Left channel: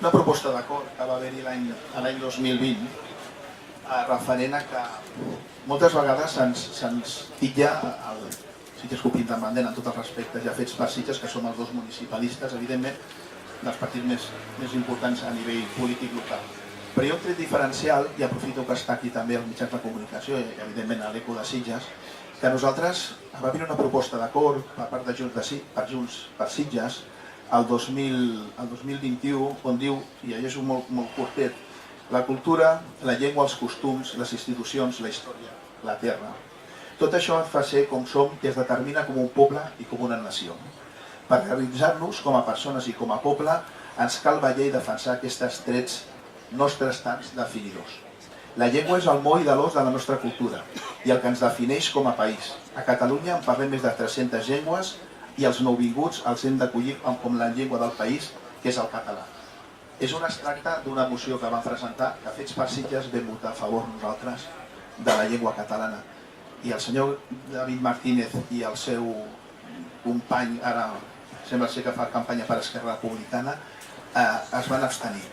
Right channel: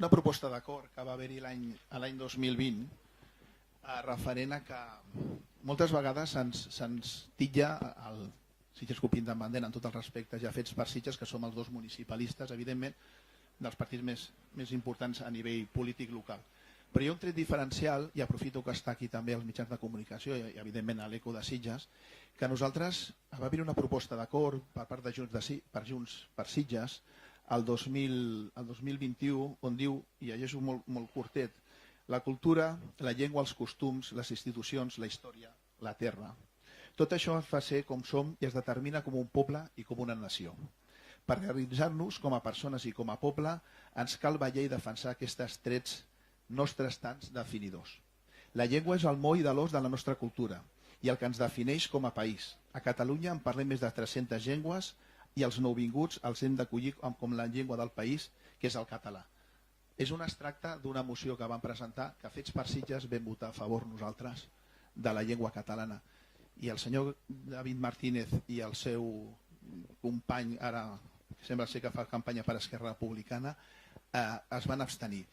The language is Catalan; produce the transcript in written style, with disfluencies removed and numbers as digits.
una proposta d'acord que va haver-hi l'any 2020 referent a que moltes vegades se'ns titlla el Sitges Club Independent, en tots els respectes ja fets per Sitges, que som els dos municipalistes, evidentment, dels partits més importants a nivell polític local. Però hi ha un tret diferencial, i aprofito que està aquí també el mitjans de comunicació i evidentment a l'Eco de Sitges, que nosaltres va haver una proposta d'acord per part de Junts per Sitges el 2021, on diu, i allò és molt curtet, la cultura, la llengua, els costums, les institucions, la història, la terra. Tot això ens fa ser com som i es determina com un poble i com una nació. Per realitzar-nos com a persones i com a poble ens cal vetllar i defensar aquests trets nostres tants definidors. La llengua és el moll de l'os de la nostra cultura i el que ens defineix com a país. A Catalunya en parlem més de 300 llengües i els nouvinguts els hem d'acollir com la llengua del país, que és el català. És un extracte d'una moció que vam presentar, que Fets per Sitges vam votar a favor nosaltres de la llengua catalana. I el senyor David Martínez i el seu company, ara sembla ser que fa campanya per Esquerra Republicana, es van abstenir.